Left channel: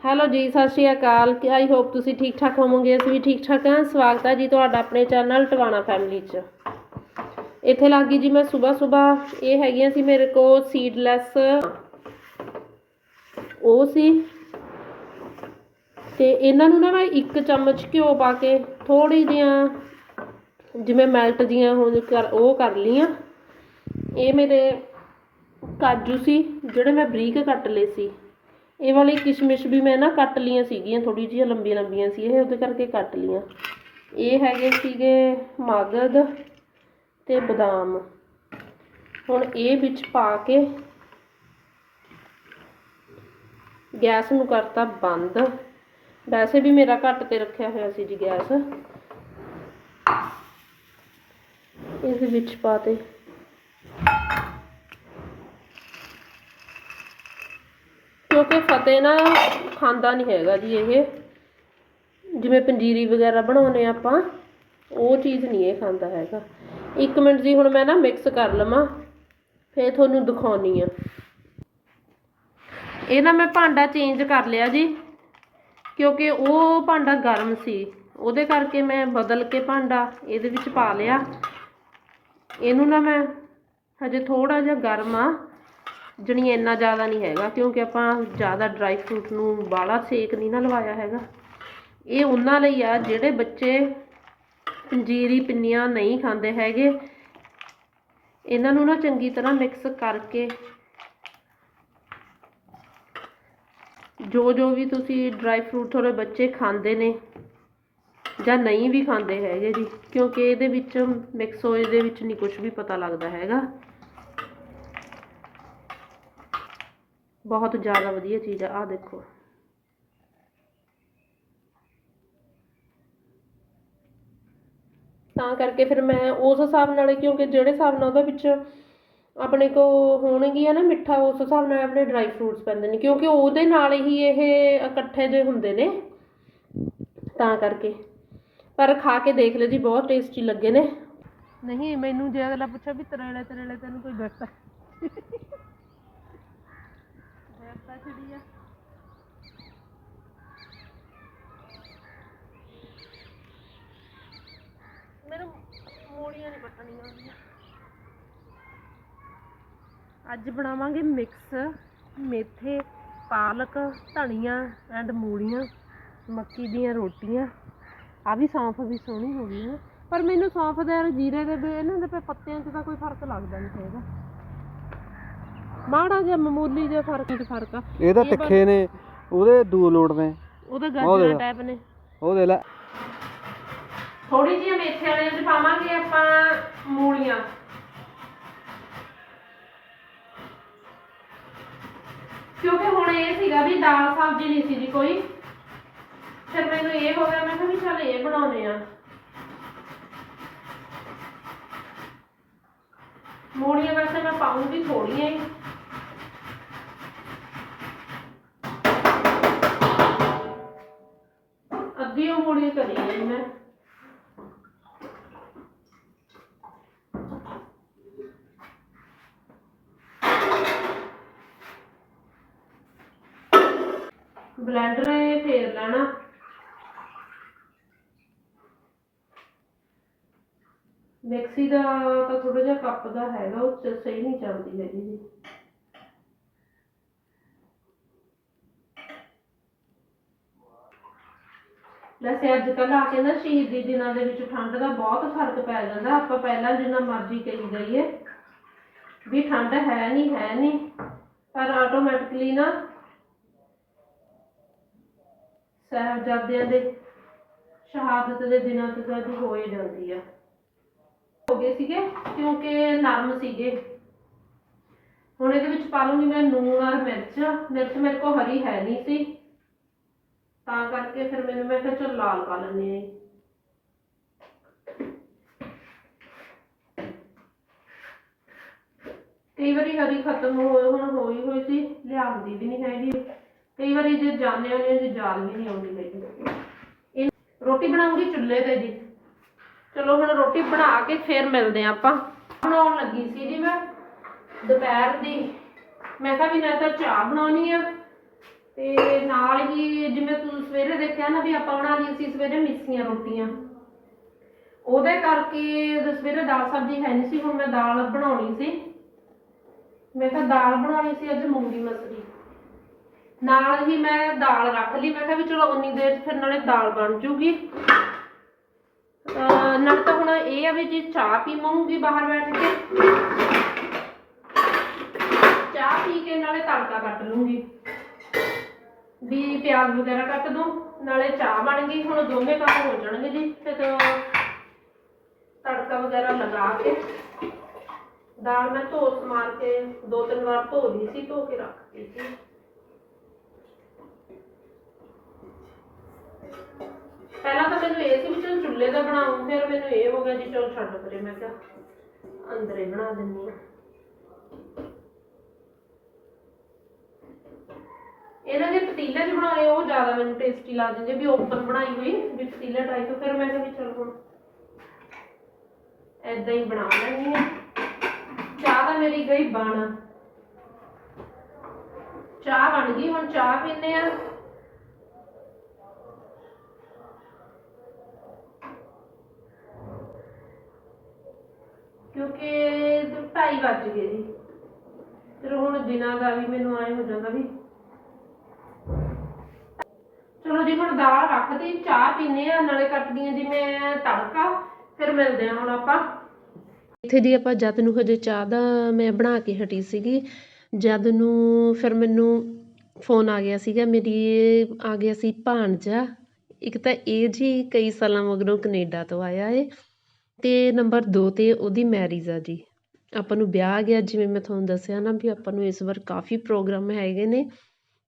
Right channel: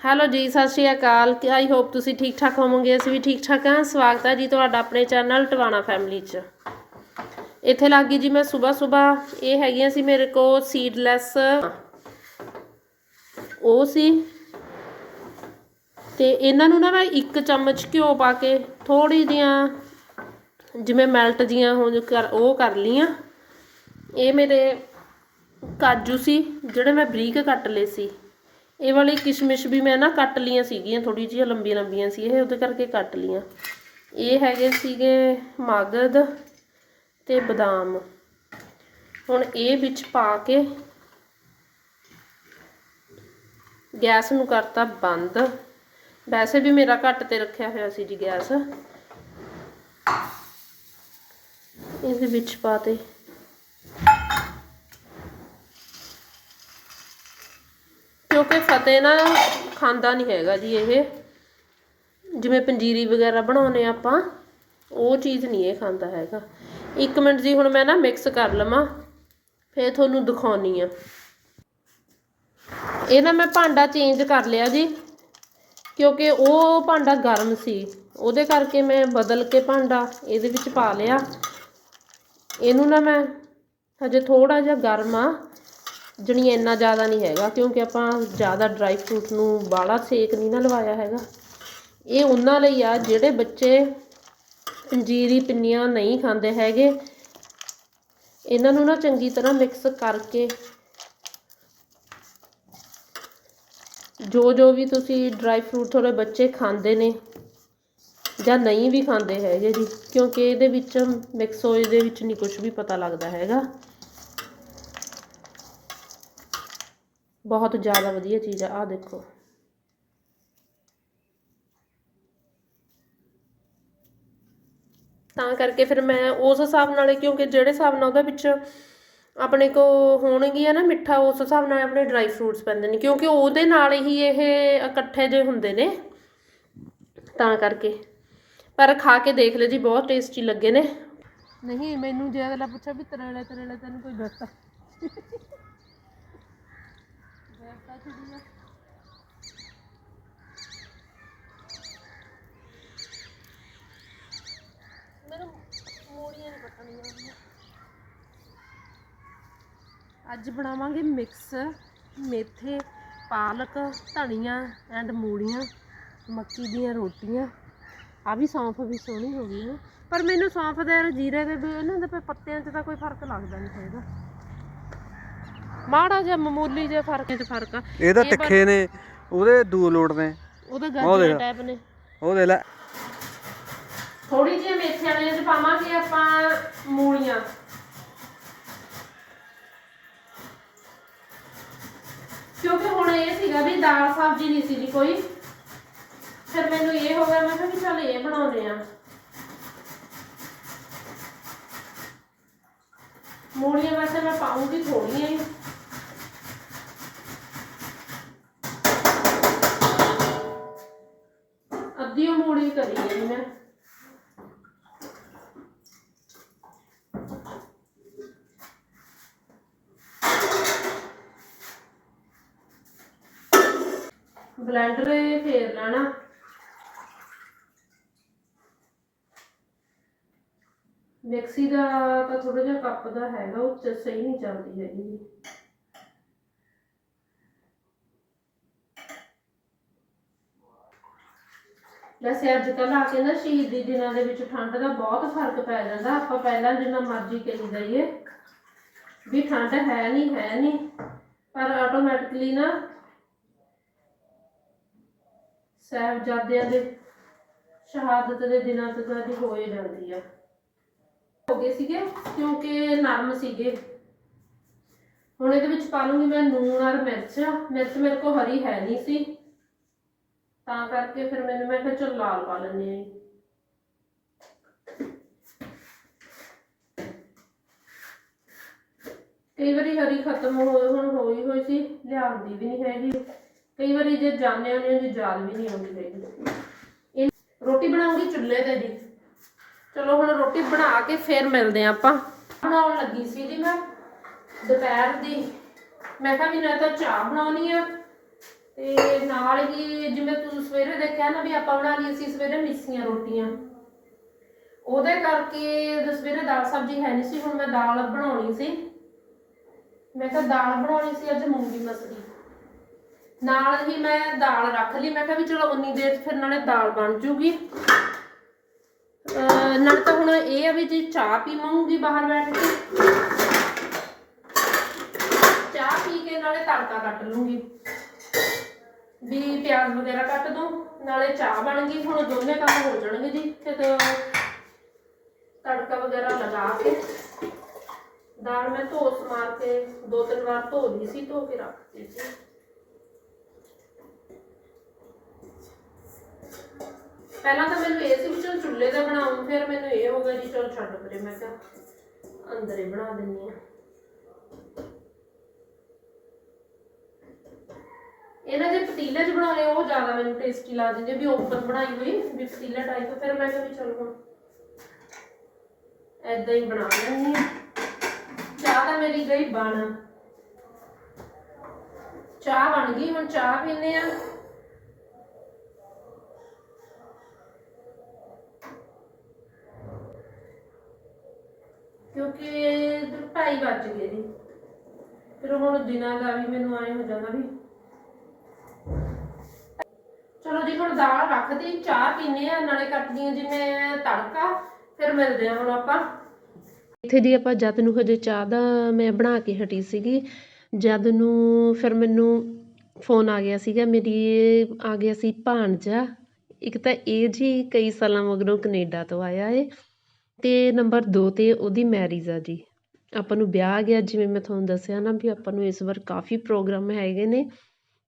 Hello ਜੀ, ਸਤਿ ਸ਼੍ਰੀ ਅਕਾਲ। I hope ਤੁਸੀਂ ਠੀਕ ਠਾਕ ਹੋਵੋਗੇ, ਅਸੀਂ ਵੀ ਠੀਕ ਠਾਕ ਹਾਂ। ਸਵਾਗਤ ਹੈ ਜੀ ਤੁਹਾਡਾ ਆਪਣੇ ਚੈਨਲ ਟਵਾਣਾ ਫੈਮਿਲੀ 'ਚ। ਇੱਥੇ ਲੱਗ ਗਈ ਜੀ ਮੈਂ ਸਵੇਰ ਸਵੇਰ। ਇਹ ਹੈਗੀਆਂ ਸੀ ਮੇਰੇ ਕੋਲ ਸੀਡਲੈਸ ਉਹ ਸੀ। ਤੇ ਇਹਨਾਂ ਨੂੰ ਨਾ ਮੈਂ ਇੱਕ ਚਮਚ ਘਿਓ ਪਾ ਕੇ ਥੋੜੀ ਜਿਹੀਆਂ ਜਿਵੇਂ ਮੈਲਟ ਜੀਆਂ ਹੋ ਕਰ ਉਹ ਕਰ ਲੀਆਂ ਇਹ ਮੇਰੇ ਕਾਜੂ ਸੀ, ਜਿਹੜੇ ਮੈਂ ਬਰੀਕ ਕੱਟ ਲਏ ਸੀ। ਇਹ ਵਾਲੀ ਕਿਸ਼ਮਿਸ਼ ਵੀ ਮੈਂ ਨਾ ਕੱਟ ਲੀਆਂ ਸੀਗੀਆਂ ਥੋੜੀ ਜਿਹੀਆਂ ਲੰਬੀਆਂ ਲੰਬੀਆਂ ਸੀ, ਇਹ ਉਹਦੇ ਕਰਕੇ ਕੱਟ ਲੀਆਂ ਇਹ ਹੈਗੇ ਸੀਗੇ ਮਗਦ ਤੇ ਬਦਾਮ। ਹੁਣ ਇਹ ਵਿੱਚ ਪਾ ਕੇ ਗੈਸ ਨੂੰ ਕਰਤਾ ਬੰਦ। ਵੈਸੇ ਵੀ ਮੇਰਾ ਘੱਟ ਤੇ ਰੱਖਿਆ ਹੋਇਆ ਸੀ ਜੀ ਗੈਸ। ਇਸ ਵਿੱਚ ਪਾਤੇ ਕਿਉਂਕਿ ਫਤਿਹ ਨਾ ਖਾਂਦਾ ਨਹੀਂ ਹੈਗਾ ਜੀ ਇਹ। ਜਿਵੇਂ ਪੰਜੀਰੀ ਵਗੈਰਾ ਬਣਾਉਨੇ ਆਪਾਂ, ਉਹ ਚੀਜ਼ ਨਹੀਂ ਇਹ ਖਾਂਦਾ ਹੈਗਾ। ਇੱਕ ਮਿੰਟ ਜੀ, ਹੁਣ ਮੈਂ ਨਾ ਮਿਕਸ ਕਰ ਲਵਾਂ, ਫੇਰ ਤੁਹਾਨੂੰ ਦਿਖਾਉਣੀ ਆ। ਇਹ ਨਾ ਮੈਂ ਭਾਂਡਾ ਚੇਂਜ ਕਰ ਲਿਆ ਜੀ, ਕਿਉਂਕਿ ਉਹ ਭਾਂਡਾ ਗਰਮ ਸੀ। ਉਹਦੇ ਕਰਕੇ ਮੈਂ ਬਦਲ ਕੇ ਭਾਂਡਾ ਇਹਦੇ ਵਿੱਚ ਪਾ ਲਿਆ। ਇਹਨੂੰ ਨਾ ਮੈਂ ਹਜੇ ਥੋੜਾ ਜਿਹਾ ਗਰਮ ਆ। ਜਣੀ ਇੰਨਾ ਜ਼ਿਆਦਾ ਨਹੀਂ ਹੈਗਾ, ਕਿਉਂਕਿ ਆਪਾਂ ਜ਼ਿਆਦਾ ਡਰਾਈ ਫਰੂਟ ਨੂੰ ਬਾਲਾ ਸੇਕ ਨਹੀਂ ਨਾ ਲਵਾਇਆ ਹੈਗਾ। ਇਹ ਉਹਨਾਂ ਲਈ ਆ ਜਿਹੜੇ ਬੱਚੇ ਪੰਜੀਰੀ ਪਿੰਨੀਆਂ ਨਹੀਂ ਖਾਂਦੇ ਹੈਗੇ। ਇਹਨਾਂ ਨੂੰ ਨਾ ਚੰਗੀ ਤਰ੍ਹਾਂ ਮਿਕਸ ਕਰਕੇ ਜੋ ਜੋ ਵੀ ਤੁਸੀਂ ਡਰਾਈ ਫਰੂਟ ਥੋੜੇ ਬੱਚੇ ਖਾਂਦੇ ਨੇ ਜਾਂ ਨਹੀਂ ਵੀ ਖਾਂਦੇ ਹੈਗੇ ਜੀ, ਕਿਉਂਕਿ ਇਹਦੇ ਵਿੱਚ ਮਿਕਸ ਹੋਏ ਦੇ ਵਿੱਚ ਨਹੀਂ ਕੁਝ ਵੀ ਪਤਾ ਲੱਗਦਾ ਹੈਗਾ। ਬਹੁਤ ਜ਼ਿਆਦਾ ਵਧੀਆ ਚੀਜ਼ ਆ ਆ ਦੇਖੋ। ਤਾਂ ਕਰਕੇ ਫਿਰ ਮੈਂ ਉਸ ਹਿਸਾਬ ਨਾਲ, ਕਿਉਂਕਿ ਜਿਹੜੇ ਹਿਸਾਬ ਨਾਲ ਉਹਦੇ ਵਿੱਚ ਆਪਣੇ ਕੋ ਹੋਣਗੀਆਂ ਨਾ ਮਿੱਠਾ, ਉਸ ਹਿਸਾਬ ਨਾਲ ਆਪਣੇ ਡਰਾਈ ਫਰੂਟਸ ਪੈਂਦੇ ਨੇ, ਕਿਉਂਕਿ ਉਹਦੇ ਨਾਲ ਹੀ ਇਹ ਇਕੱਠੇ ਜੇ ਹੁੰਦੇ ਨੇ। ਤਾਂ ਕਰਕੇ। ਪਰ ਖਾ ਕੇ ਦੇਖ ਲਿਓ ਜੀ, ਬਹੁਤ ਟੇਸਟੀ ਲੱਗੇ ਨੇ। ਨਹੀਂ, ਮੈਨੂੰ ਜੇ ਅਗਲਾ ਪੁੱਛਿਆ ਵੀ ਤਰੇਲੇ ਤਰੇਲੇ ਤੈਨੂੰ ਕੋਈ ਬੈਠਾ ਬੈਠਾ ਛੁੜੀ ਆ ਮੈਨੂੰ ਮੋੜੀਆਂ ਨਹੀਂ ਪਟਣੀਆਂ ਆਉਂਦੀਆਂ ਅੱਜ ਬਣਾਵਾਂਗੇ ਮਿਕਸ ਮੇਥੇ, ਪਾਲਕ, ਧਨੀਆ ਐਂਡ ਮੂਲੀਆਂ, ਮੱਕੀ ਦੀਆਂ ਰੋਟੀਆਂ। ਆ ਵੀ ਸੌਂਫ ਵੀ ਸੋਹਣੀ ਹੋ ਗਈ ਹੈ ਪਰ ਮੈਨੂੰ ਸੌਂਫ ਦੇ ਔਰ ਜੀਰੇ ਦੇ ਵੀ ਇਹਨਾਂ ਦੇ ਪੱਤਿਆਂ 'ਚ ਤਾਂ ਕੋਈ ਫ਼ਰਕ ਲੱਗਦਾ ਨਹੀਂ ਹੈਗਾ। ਮਾੜਾ ਜਿਹਾ ਮਾਮੂਲੀ ਜਿਹਾ ਫ਼ਰਕ ਤੇ ਫ਼ਰਕ ਆ। ਇਹ ਤਾਂ ਇਹ ਪਰ- ਤਿੱਖੇ ਨੇ ਉਹਦੇ ਦੂ ਲੋਟ ਨੇ। ਉਹਦਾ ਉਹ ਗਾਜਰ। ਟਾਈਪ ਨੇ। ਉਹ ਦੇ ਲੈ। ਥੋੜੀ ਜਿਹੀ ਮੇਥੇ ਵਾਲੀਆਂ 'ਚ ਪਾਵਾਂਗੇ ਆਪਾਂ ਮੂਲੀਆਂ। ਕਿਉਂਕਿ ਹੁਣ ਇਹ ਸੀਗਾ ਵੀ ਦਾਲ ਸਬਜ਼ੀ ਨਹੀਂ ਸੀ ਜੀ ਕੋਈ। ਫਿਰ ਮੈਨੂੰ ਇਹ ਹੋ ਗਿਆ ਮੈਂ ਕਿਹਾ ਵੀ ਚੱਲ ਇਹ ਬਣਾਉਨੇ ਆ ਮੂਲੀਆਂ ਵੈਸੇ ਮੈਂ ਪਾਉਂਗੀ ਥੋੜੀਆਂ ਉਹ ਮੂਲੀ ਬਲੈਂਡਰ ਇਹ ਫੇਰ ਲੈਣਾ। ਮਿਕਸੀ ਦਾ ਤਾਂ ਥੋੜਾ ਜਿਹਾ ਕੱਪ ਦਾ ਹੈਗਾ, ਉਹ ਚ ਸਹੀ ਨਹੀਂ ਚੱਲਦੀ ਹੈਗੀ ਜੀ। ਵੈਸੇ ਅੱਜ ਕੱਲ੍ਹ ਆ ਕੇ ਨਾ ਸ਼ਹੀਦੀ ਦਿਨਾਂ ਦੇ ਵਿੱਚ ਠੰਡ ਦਾ ਬਹੁਤ ਫ਼ਰਕ ਪੈ ਜਾਂਦਾ। ਆਪਾਂ ਪਹਿਲਾਂ ਜਿੰਨਾ ਮਰਜ਼ੀ ਕਹੀ ਜਾਈਏ ਵੀ ਠੰਡ ਹੈ ਨਹੀਂ ਹੈ ਨਹੀਂ ਪਰ ਆਟੋਮੈਟਿਕਲੀ ਨਾ ਸਾਹਿਬਜ਼ਾਦਿਆਂ ਦੇ ਸ਼ਹਾਦਤ ਦੇ ਦਿਨਾਂ ਤੇ ਤਾਂ ਇਹ ਹੋ ਹੀ ਜਾਂਦੀ ਆ। ਹੋ ਗਏ ਸੀਗੇ ਕਿਉਂਕਿ ਨਰਮ ਸੀਗੇ। ਹੁਣ ਇਹਦੇ ਵਿੱਚ ਪਾ ਲੂੰਗੀ ਮੈਂ ਨੂਨ ਔਰ ਮਿਰਚ। ਮਿਰਚ ਮੇਰੇ ਕੋਲ ਹਰੀ ਹੈ ਨਹੀਂ ਸੀ। ਤਾਂ ਕਰਕੇ ਫਿਰ ਮੈਨੂੰ, ਮੈਂ ਕਿਹਾ ਚਲ ਲਾਲ ਪਾ ਲੈਂਦੇ ਆ ਕਈ ਵਾਰੀ ਹਰੀ ਖਤਮ ਹੋ, ਹੁਣ ਹੋਈ ਹੋਈ ਸੀ ਲਿਆਉਂਦੀ ਵੀ ਨਹੀਂ ਹੈਗੀ। ਕਈ ਵਾਰੀ ਜੇ ਜਾਣੇ ਹੁੰਦੇ ਦੀ ਯਾਦ ਵੀ ਨਹੀਂ ਆਉਂਦੀ ਹੈਗੀ। ਇਹ ਰੋਟੀ ਬਣਾਉਂਗੀ ਚੁੱਲ੍ਹੇ ਤੇ ਜੀ। ਚਲੋ ਹੁਣ ਰੋਟੀ ਬਣਾ ਕੇ ਫਿਰ ਮਿਲਦੇ ਆਂ ਆਪਾਂ। ਬਣਾਉਣ ਲੱਗੀ ਸੀ ਜੀ ਮੈਂ, ਦੁਪਹਿਰ ਦੀ। ਮੈਂ ਕਿਹਾ ਵੀ ਨਾ ਤਾਂ ਚਾਹ ਬਣਾਉਣੀ ਆ। ਤੇ ਨਾਲ ਹੀ ਜਿਵੇਂ ਤੁਸੀਂ ਸਵੇਰੇ ਦੇਖਿਆ ਨਾ ਵੀ ਆਪਾਂ ਬਣਾ ਲਈ ਸੀ ਸਵੇਰੇ ਮਿੱਸੀਆਂ ਰੋਟੀਆਂ। ਉਹਦੇ ਕਰਕੇ ਸਵੇਰੇ ਦਾਲ ਸਬਜ਼ੀ ਹੈ ਨਹੀਂ ਸੀ, ਹੁਣ ਮੈਂ ਦਾਲ ਬਣਾਉਣੀ ਸੀ। ਮੈਂ ਤਾਂ ਦਾਲ ਬਣਾਉਣੀ ਸੀ ਅੱਜ ਮੂੰਗੀ ਮਸਰੀ। ਨਾਲ ਹੀ ਮੈਂ ਦਾਲ ਰੱਖ ਲਈ। ਮੈਂ ਕਿਹਾ ਵੀ ਚਲੋ ਉਨੀ ਦੇਰ 'ਚ ਫਿਰ ਨਾਲੇ ਦਾਲ ਬਣ ਜੂਗੀ। ਅਹ ਨਾਲ ਤਾਂ ਹੁਣ ਇਹ ਆ ਵੀ ਜੀ ਚਾਹ ਪੀਵਾਂਗੀ ਬਾਹਰ ਬੈਠ ਕੇ। ਚਾਹ ਪੀ ਕੇ ਨਾਲੇ ਤੜਕਾ ਕੱਟ ਲੂੰਗੀ ਵੀ ਪਿਆਜ਼ ਵਗੈਰਾ ਕੱਟ ਦੂੰ, ਨਾਲੇ ਚਾਹ ਬਣ ਗਈ, ਹੁਣ ਦੋਨੇ ਕੰਮ ਹੋ ਜਾਣਗੇ ਜੀ, ਤੇ ਤਾਂ ਤੜਕਾ ਵਗੈਰਾ ਲਗਾ ਕੇ ਦਾਲ ਮੈਂ ਧੋ ਸਮਾਰ ਕੇ ਦੋ ਤਿੰਨ ਵਾਰ ਧੋ ਲਈ ਸੀ, ਧੋ ਕੇ ਰੱਖਤੀ ਸੀ। ਪਹਿਲਾਂ ਤਾਂ ਮੈਨੂੰ ਇਹ ਸੀ ਵੀ ਚਲ ਚੁੱਲ੍ਹੇ ਤੇ ਬਣਾਉਂ, ਫਿਰ ਮੈਨੂੰ ਇਹ ਹੋ ਗਿਆ ਜੀ, ਚਲ ਛੱਡ ਪਰੇ, ਮੈਂ ਕਿਹਾ ਅੰਦਰ ਹੀ ਬਣਾ ਦਿੰਨੀ ਆ ਇਹਨਾਂ ਦੇ ਪਤੀਲੇ 'ਚ ਬਣਾਉਣੇ, ਉਹ ਜ਼ਿਆਦਾ ਮੈਨੂੰ ਟੇਸਟੀ ਲੱਗਦੇ ਵੀ ਓਪਨ ਬਣਾਈ ਹੋਈ, ਵੀ ਪਤੀਲਾ ਟਾਈਪ ਫਿਰ ਮੈਂ ਕਿਹਾ ਵੀ ਚਲ ਹੁਣ ਏਦਾਂ ਹੀ ਬਣਾ ਲੈਣੀ ਆ ਚਾਹ ਤਾਂ ਮੇਰੀ ਗਈ ਬਣ। ਚਾਹ ਬਣ ਗਈ, ਹੁਣ ਚਾਹ ਪੀਨੇ ਆ ਕਿਉਂਕਿ ਢਾਈ ਵੱਜ ਗਏ ਜੀ ਫਿਰ ਹੁਣ ਦਿਨਾਂ ਦਾ ਵੀ ਮੈਨੂੰ ਆਏ ਹੋ ਜਾਂਦਾ ਵੀ ਚਲੋ ਜੀ ਹੁਣ ਦਾਲ ਰੱਖਦੀ, ਚਾਹ ਪੀਨੇ ਆ, ਨਾਲੇ ਕੱਟਦੀ ਆ ਜਿਵੇਂ ਤੜਕਾ, ਫਿਰ ਮਿਲਦੇ ਆ ਹੁਣ ਆਪਾਂ। ਇੱਥੇ ਦੀ ਆਪਾਂ ਜਦ ਨੂੰ ਹਜੇ ਚਾਹ ਦਾ ਮੈਂ ਬਣਾ ਕੇ ਹਟੀ ਸੀਗੀ, ਜਦ ਨੂੰ ਫਿਰ ਮੈਨੂੰ ਫੋਨ ਆ ਗਿਆ ਸੀਗਾ, ਮੇਰੀ ਆ ਗਿਆ ਸੀ ਭਾਣਜਾ। ਇੱਕ ਤਾਂ ਇਹ ਜੀ ਕਈ ਸਾਲਾਂ ਮਗਰੋਂ ਕੈਨੇਡਾ ਤੋਂ ਆਇਆ ਏ, ਤੇ ਨੰਬਰ 2 ਤੇ ਉਹਦੀ ਮੈਰਿਜ ਆ ਜੀ। ਆਪਾਂ ਨੂੰ ਵਿਆਹ ਆ ਗਿਆ, ਜਿਵੇਂ ਮੈਂ ਤੁਹਾਨੂੰ ਦੱਸਿਆ ਨਾ ਵੀ ਆਪਾਂ ਨੂੰ ਇਸ ਵਾਰ ਕਾਫੀ ਪ੍ਰੋਗਰਾਮ ਹੈਗੇ ਨੇ।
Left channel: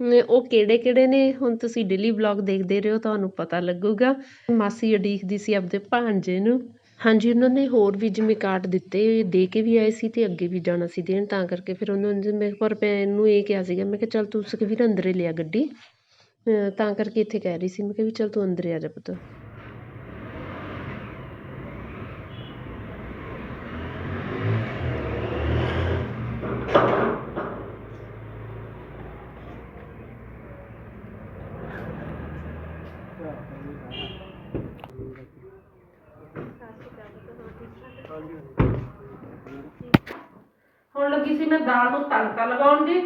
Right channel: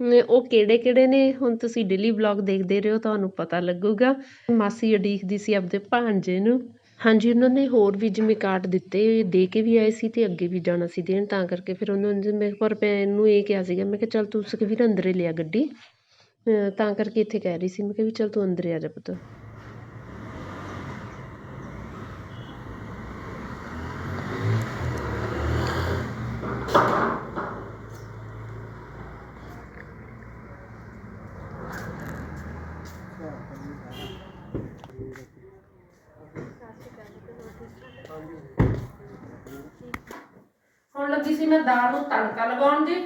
ਉਹ ਕਿਹੜੇ ਕਿਹੜੇ ਨੇ? ਹੁਣ ਤੁਸੀਂ ਡੇਲੀ ਵਲੋਗ ਦੇਖਦੇ ਰਹੋ, ਤੁਹਾਨੂੰ ਪਤਾ ਲੱਗੂਗਾ। ਮਾਸੀ ਉਡੀਕਦੀ ਸੀ ਆਪਦੇ ਭਾਣਜੇ ਨੂੰ। ਹਾਂਜੀ, ਉਹਨਾਂ ਨੇ ਹੋਰ ਵੀ ਜਿਵੇਂ ਕਾਰਡ ਦਿੱਤੇ, ਦੇ ਕੇ ਵੀ ਆਏ ਸੀ ਤੇ ਅੱਗੇ ਵੀ ਜਾਣਾ ਸੀ ਦੇਣ, ਤਾਂ ਕਰਕੇ ਫਿਰ ਉਹਨਾਂ ਨੇ ਮੈਂ ਪਰ ਮੈਂ ਇਹਨੂੰ ਇਹ ਕਿਹਾ ਸੀਗਾ, ਮੈਂ ਕਿਹਾ ਚੱਲ ਤੂੰ ਸੁਖਵੀਰ ਅੰਦਰੇ ਲਿਆ ਗੱਡੀ। ਤਾਂ ਕਰਕੇ ਇੱਥੇ ਕਹਿ ਰਹੀ ਸੀ, ਮੈਂ ਕਿਹਾ ਵੀ ਚੱਲ ਤੂੰ ਅੰਦਰੇ ਆ ਜਾ ਪੁੱਤ। ਹੁਣ ਲੱਗੀ ਸੀ ਮੈਂ ਦਾਲ ਨੂੰ ਤੜਕਾ ਲਗਾਉਣ ਜੀ,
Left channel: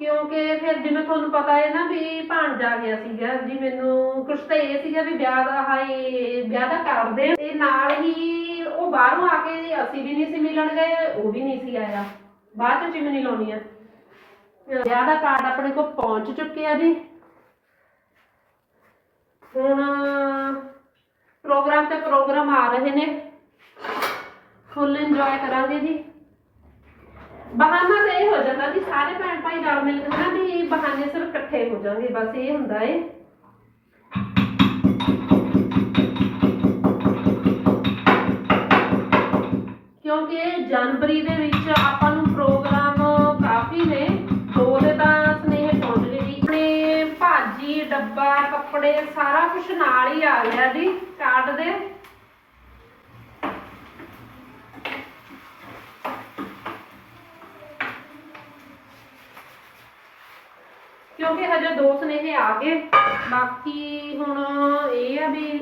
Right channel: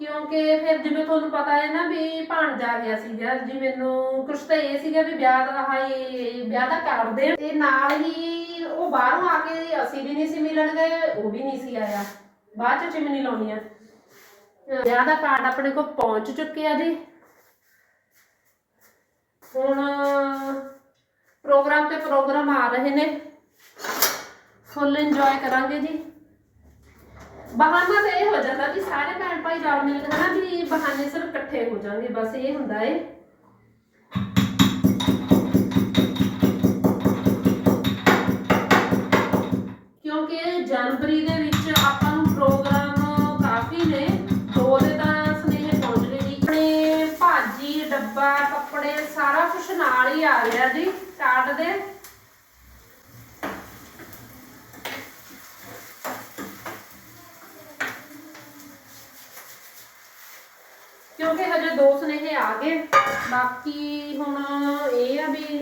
ਕਿਉਂਕਿ ਫਿਰ ਜਿਵੇਂ ਤੁਹਾਨੂੰ ਪਤਾ ਹੈ ਨਾ ਵੀ ਭਾਣਜਾ ਗਿਆ ਸੀਗਾ, ਜੀ ਮੈਨੂੰ ਕੁਛ ਤਾਂ ਇਹ ਸੀਗਾ ਵੀ ਵਿਆਹ ਦਾ, ਹਾਏ, ਵਿਆਹ ਦਾ ਕਾਰਡ ਦੇ ਤੇ ਨਾਲ ਹੀ ਉਹ ਬਾਹਰੋਂ ਆ ਕੇ ਅਸੀਂ ਵੀ ਨਹੀਂ ਸੀ ਮਿਲਣ ਗਏ, ਉਹ ਵੀ ਨਹੀਂ ਸੀ ਆਇਆ। ਬਾਅਦ ਚ ਚਿਮਨੀ ਲਾਉਣੀ ਆ। ਵਿਆਹ ਦਾ ਕਾਰਡ ਆਪਣੇ ਕੋਲ ਪਹੁੰਚ ਚੁੱਕਿਆ ਜੀ। ਹੁਣ ਪ੍ਰੋਗਰਾਮ ਤੇ ਪ੍ਰੋਗਰਾਮ ਆ ਰਹੇ ਨੇ। ਫੁੱਲ ਇੰਜੋਏ ਕਰਾਂਗੇ ਜੀ। ਬਹਾਨਾ ਤਾਂ ਇਹ ਹੋ ਜਾਂਦਾ ਵੀ ਸਾਰੇ ਭੈਣ ਭਾਈ ਰਲ ਮਿਲ ਕੇ ਨਾ ਵੀ ਬਹਾਨੇ ਸਿਰ ਇਕੱਠੇ ਹੋ ਜਾਣਗੇ, ਬਸ ਇਹ ਹੁੰਦਾ ਏ। ਕਿਉਂਕਿ ਜਨਵਰੀ ਦੇ ਵਿੱਚ ਆਪਾਂ ਨੂੰ ਪ੍ਰੋਗਰਾਮ ਕਾਫੀ ਨੇ, ਦੋ ਦੇ ਤਾਂ ਸਨੇਹ ਪਹੁੰਚ ਗਏ ਜੀ ਆਪਣੇ ਭਾਜੀ, ਡੱਬਾ, ਕੱਪੜੇ ਸਾਰਾ ਕੁਝ ਨਾਲ ਹੀ ਆ ਗਿਆ ਜੀ ਕਾਰਡ ਦੇ। ਕਿਉਂਕਿ ਹਜੇ ਦੋ ਸੁਨੇਹੇ ਆ ਗਏ। ਬਾਕੀ ਹੁਣ ਇਹ ਆ ਵੀ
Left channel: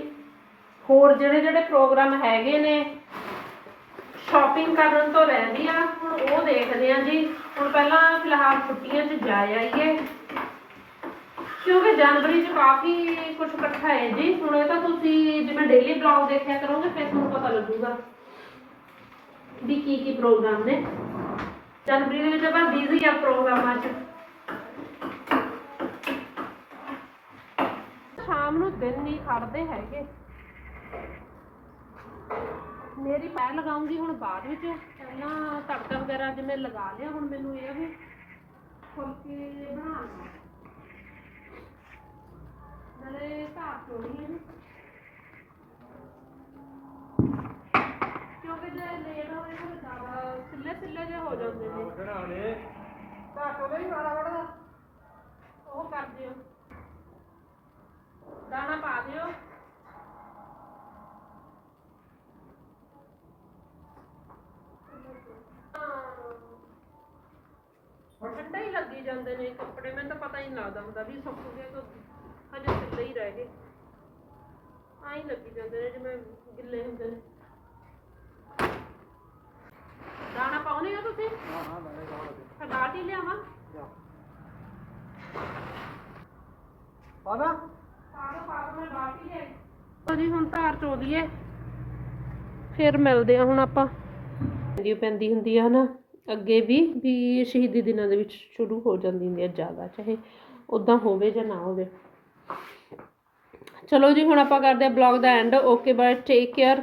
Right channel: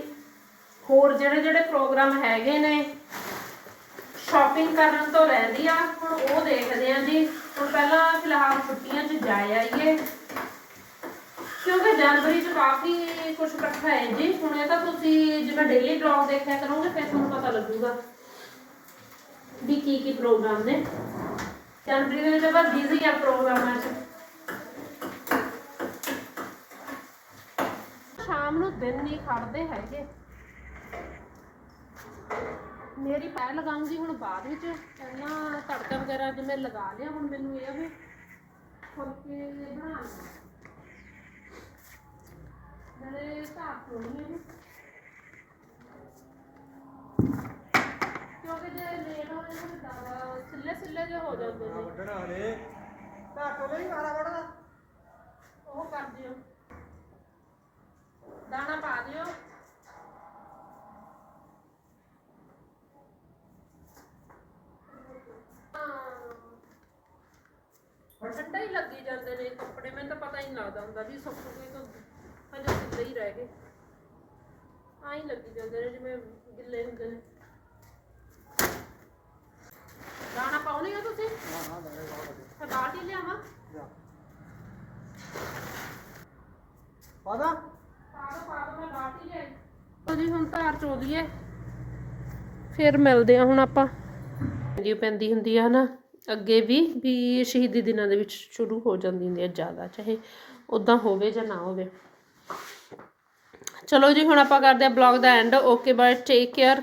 ਹੋਰ ਜਿਹੜੇ ਜਿਹੜੇ ਪ੍ਰੋਗਰਾਮ ਹੈਗੇ ਨੇ ਸ਼ਾਪਿੰਗ ਕਰਨ ਤੋਂ ਰਹਿੰਦੀ ਆ, ਹੁਣ ਉਹ ਦੇਖਦੇ ਆ ਜੀ। ਹੁਣ ਪਹਿਲਾਂ ਫਿਲਹਾਲ ਛੁੱਟੀਆਂ 'ਚ ਜਾ ਆਈਏ ਕਿਉਂਕਿ ਜਨਵਰੀ 'ਚ ਕਾਫੀ ਕੁਝ ਇਕੱਠਾ ਹੈ ਜੀ। ਹੁਣ ਇਹ ਤਾਂ ਤੁਸੀਂ ਜਿਵੇਂ ਡੇਲੀ ਬਲੌਗ ਦੇਖਿਆ ਕਰੋਗੇ, ਫਿਰ ਤੁਹਾਨੂੰ ਪਤਾ ਲੱਗੂਗਾ ਵੀ ਕੀ ਕੀ ਪ੍ਰੋਗਰਾਮ ਨੇ। ਜਨਵਰੀ ਦੇ ਵਿੱਚ ਆਪਾਂ ਬਿਜ਼ੀ ਆ ਪ੍ਰੋਗਰਾਮਾਂ 'ਚ। ਸ਼ਾਮ ਨੂੰ ਦਿਨ ਨਹੀਂ ਖੜਦੇ ਹੈਗੇ। ਮੇਰੀ ਪੈ ਲਗਾਉਂਗੀ ਹੁਣ ਬਾਅਦ ਵਿੱਚ। ਪਹਿਲਾਂ ਤੜਕਾ ਵਗੈਰਾ ਜਿਵੇਂ ਲਗਾ ਲਿਆ ਹੁਣ ਮੈਨੂੰ ਇਹ ਆ ਵੀ ਫੁਲਕੇ ਬਣਾ ਲਵਾਂ। ਨਾਲੇ ਧਾਰ ਚੋਣੀ ਹੈ ਜੀ ਕਿਉਂਕਿ ਜੇ ਲੇਟ ਹੋਵੇ ਫਿਰ ਜ਼ਿਆਦਾ ਸਿੱਲੇ ਸਿੱਲੇ ਜਿਹੇ ਹੋ ਜਾਂਦੇ ਨੇ। ਉਹ ਕਰ ਦਿਓ। ਦਾਣਾ ਪਾ ਦਿਓ। ਠੰਡਾ ਹੀ ਲੱਗੀ ਜਾਂਦੇ ਨੇ ਕੱਪੜੇ, ਮੈਨੂੰ ਤਾਂ ਪਤਾ ਹੀ ਨਹੀਂ ਲੱਗਦਾ ਹੁੰਦਾ ਵੀ ਸੁੱਕ ਗਏ ਕਿ ਹਜੇ ਸਿੱਧੇ ਹੀ ਰਹਿ ਗਏ। ਆਈ ਲੱਗੀ ਜਾਂਦੇ ਨੇ ਜਿਵੇਂ ਗਿੱਲੇ ਹੁੰਦੇ ਨੇ। ਦਾਣਾ ਪਾਉਣੇ ਆ ਤੁਸੀਂ? ਫਿਰ ਬਾਲਟੀ ਲਿਆਵਾਂ। ਪਾਦਾ ਪਾ ਲਓ ਜੀ ਹੁਣ ਧਾਰ ਚੋ ਲਈਏ ਫਿਰ ਮਿਲਦੇ ਆ ਹੁਣ ਆਪਾਂ। ਵੀਡੀਓ ਪੈਂਦੀ ਹੁੰਦੀ ਆ ਨਾ ਅੱਗੇ ਵੀ ਵੀ ਸ਼ਹੀਦੀ ਦਿਨਾਂ ਦੇ ਵਿੱਚ ਸ਼ੁਰੂ ਹੋ ਜਾਂਦੀ ਹੁੰਦੀ ਆ ਜ਼ਿਆਦਾ, ਚਾਹੇ ਉਦਾਂ ਹੋਵੇ ਜਾਂ ਨਾ ਹੋਵੇ। ਚਲੋ ਜੀ, ਹੁਣ ਆਪਾਂ ਕਰਦੇ ਆ ਬਲੌਗ ਦਾ end. Okay, bye, take care.